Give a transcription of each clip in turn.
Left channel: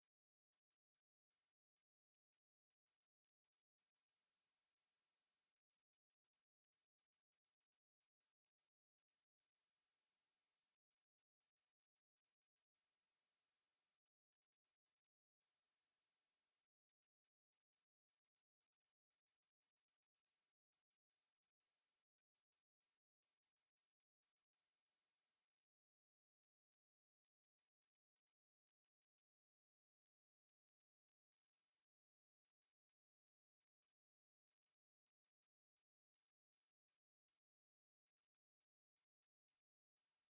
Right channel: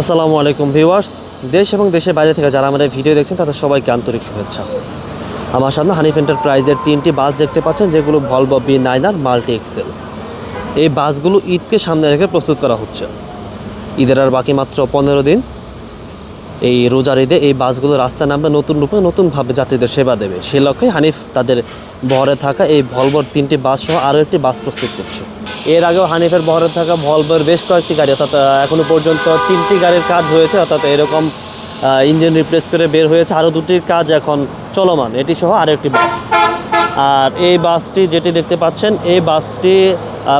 আসসালামু আলাইকুম ভিউয়ার্স। দেশ এবং দেশের বাইরে থেকে যারা আমাদের ভিডিও দেখছেন, তাদের সবাইকে আন্তরিক শুভেচ্ছা। আমার সামনে হানিফ এন্টারপ্রাইজের তিনটি বাস দেখতে পাচ্ছেন, যেগুলো ভলভো বি নাইন আর মাল্টি এক্সেল এই বাসগুলো ঈদকে সামনে রেখে প্রস্তুত করা হচ্ছে। ঈদের আর বাকি মাত্র পনেরো দিন। এই রোজার ঈদে এই বাসগুলো রাস্তায় নামবে নতুন রূপে নতুনভাবে যাত্রীদের সেবা দেবে। সেই লক্ষ্যে হানিফ তাদের বহরে থাকা এই ভলভোর তিনটি বাস সহ আরও একটি বাস প্রস্তুত করছে। এর আগেও হানিফের বহরে থাকা ভলভোর বেশ কয়েকটি গাড়ি অর্থাৎ আহ, এখনও পর্যন্ত তিনটি গাড়ির কাজ হয়েছে অর্থাৎ এরকম ইঞ্জিন রিপ্লেস করে বের হয়েছে। আরও দুটির কাজ এখন চলমান এটি সহ আরও একটি বাস আর এই বাসটি যেটি দেখতে পাচ্ছেন এই বাসটি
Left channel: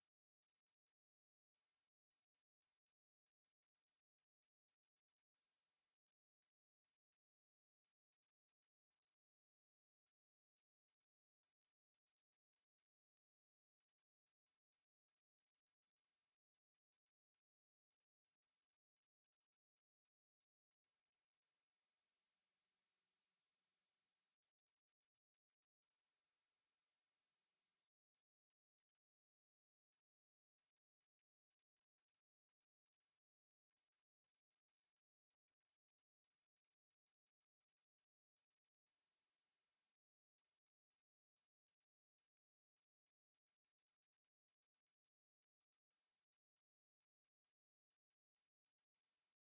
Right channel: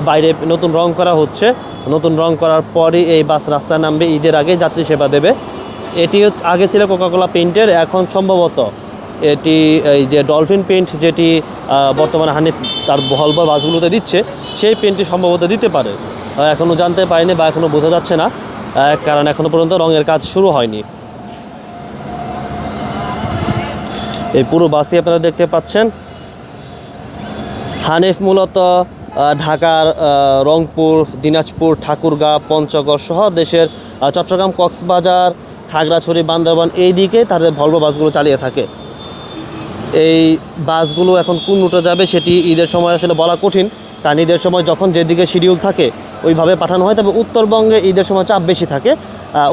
বাইরে নতুন রং করা হচ্ছে। নতুন রং করার পরই এই বাস রাস্তায় নামবে ঈদের আগে যাত্রী সেবা দেবে। এটি আগে ছিল কোকাকোলা পেইন্টের এখন সম্ভবত এটি, এই যে ডলফিন পেন্ট যেটি বর্তমানে হানিফ তার ভলভর বাসগুলোতে দিচ্ছে, সেই পেন্টটি সম্ভবত দিতে পারে। এখনও জানতে পারিনি বা এখনও বোঝা যাচ্ছে না কারণ এখনও পর্যন্ত রঙের কাজ শুরু হয়নি। এই পুরো বাসই আপনারা দেখতে পাচ্ছেন। হানিফ মূলত ঢাকার রংপুর, দিনাজপুর, ঠাকুরগাঁ, পঞ্চগড় সহ দেশের চট্টগ্রাম, কক্সবাজার, খাগড়াছড়ি, বান্দরবান এই দিকে তাদের ভলভো বাসগুলো চালিয়ে থাকে। এই বাসগুলো এখন কোন রুটে যাবে সেটি ঈদের সময় আসলে বলা কঠিন, কারণ ঈদের সময় যখন যেদিকে শিডিউল থাকে, ওইভাবে পাঠানো হয়। তবে উত্তরবঙ্গে ঈদের সময় চাপ বেশি থাকে।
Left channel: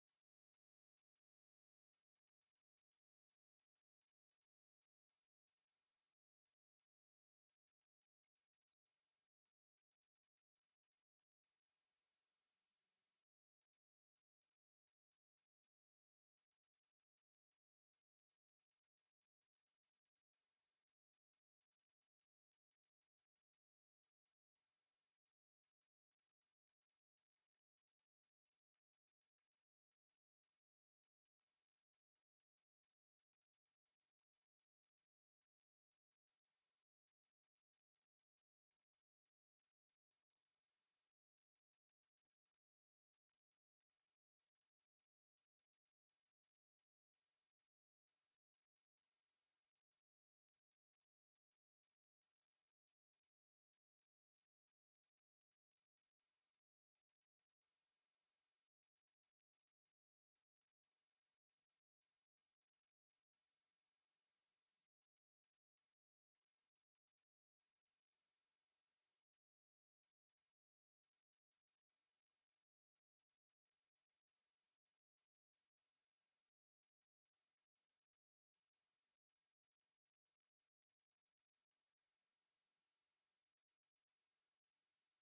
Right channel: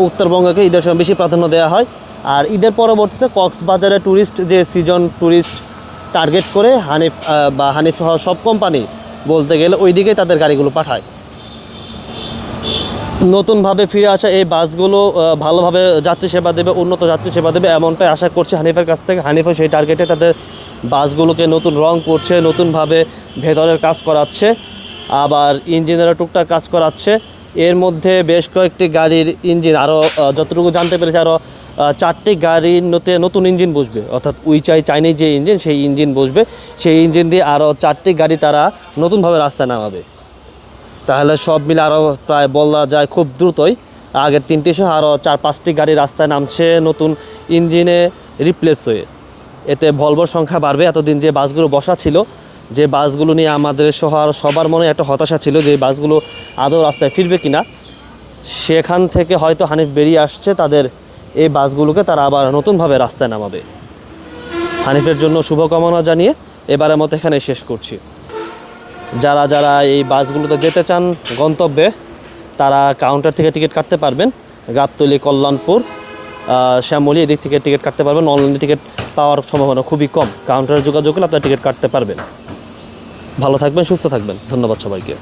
উত্তরবঙ্গকে ঈদের সময় বেশি প্রাধান্য দেওয়া হয়। আর ঈদের পরবর্তীতে কক্সবাজারে ট্যুরিস্ট যে সিজন ট্যুরিস্ট টার্গেট করে হানিফ বা হানিফ সহ সব কোম্পানি বলতে গেলে ওই দিকেই তাদের গাড়িগুলো পাঠায়। নতুনভাবে ফিরে আসা এই বাসগুলো ভালোভাবে যাত্রী সেবা দেবে, উন্নত যাত্রী সেবা দেবে, এমনটাই আশা করছি হানিফের কাছ থেকে। হানিফও সেই টার্গেটে তাদের বাসগুলোকে নতুন রং করছে, নতুনভাবে ভেতরের কাজ করাচ্ছে, আবার ইঞ্জিনেরও টুকটাক কাজ করাচ্ছে। এর মধ্যে বেশ কয়েকটি গাড়ির ইঞ্জিন, আরও যতটুকু জানতে পেরেছি, আরও চারটি গাড়ির নতে নতুন ইঞ্জিন বসবে। অর্থাৎ উইচাই চাইনিজ যে ইঞ্জিন, সেই ইঞ্জিন বসবে। সেই ইঞ্জিন দিয়ে আরও চারটি গাড়ি তারা নতুনভাবে রাস্তায় নামাবে। তাহলে সব মিলে আরও প্রায় বলা যায় খুব দ্রুতই আগের তিনটি সহ আরও চার, পাঁচটি গাড়ি রাস্তায় নামছে নতুন ইঞ্জিনে রিপ্লেস হয়ে। এতে ভলভোর সংখ্যা বাড়বে। এতদিন যে বাসগুলো বসা ছিল, যে বাসগুলো নিয়ে আমাদের সহ আরও সবার মনে একটা হতাশা ছিল যে বাসগুলো আদৌ রাস্তায় ফিরবে কিনা, সেখান থেকে হয়তো হানিফ বেরিয়ে আসছে। তাদের এই বাসগুলোকে তারা আবার নতুনভাবে রাস্তায় নামাবে। হানিফের জন্য শুভকামনা জানিয়ে এবারের মতো এখানে শেষ করছি। যারা যারা এই বাসগুলোতে যেতে চান গন্তব্যে, তারা কাউন্টার থেকে টিকিট কাটতে পারবেন। গাবতলি, কল্যাণপুর শ্যামলি এদিক থেকে টিকিট কাটতে পারবেন। অনলাইনে টিকিট পাওয়ার সম্ভাবনা খুবই কম। কাউন্টারে যোগাযোগ করলে আপনারা টিকিট কাটতে পারবেন। ভালো থাকবেন, সুস্থ থাকবেন। ধন্যবাদ সবাইকে।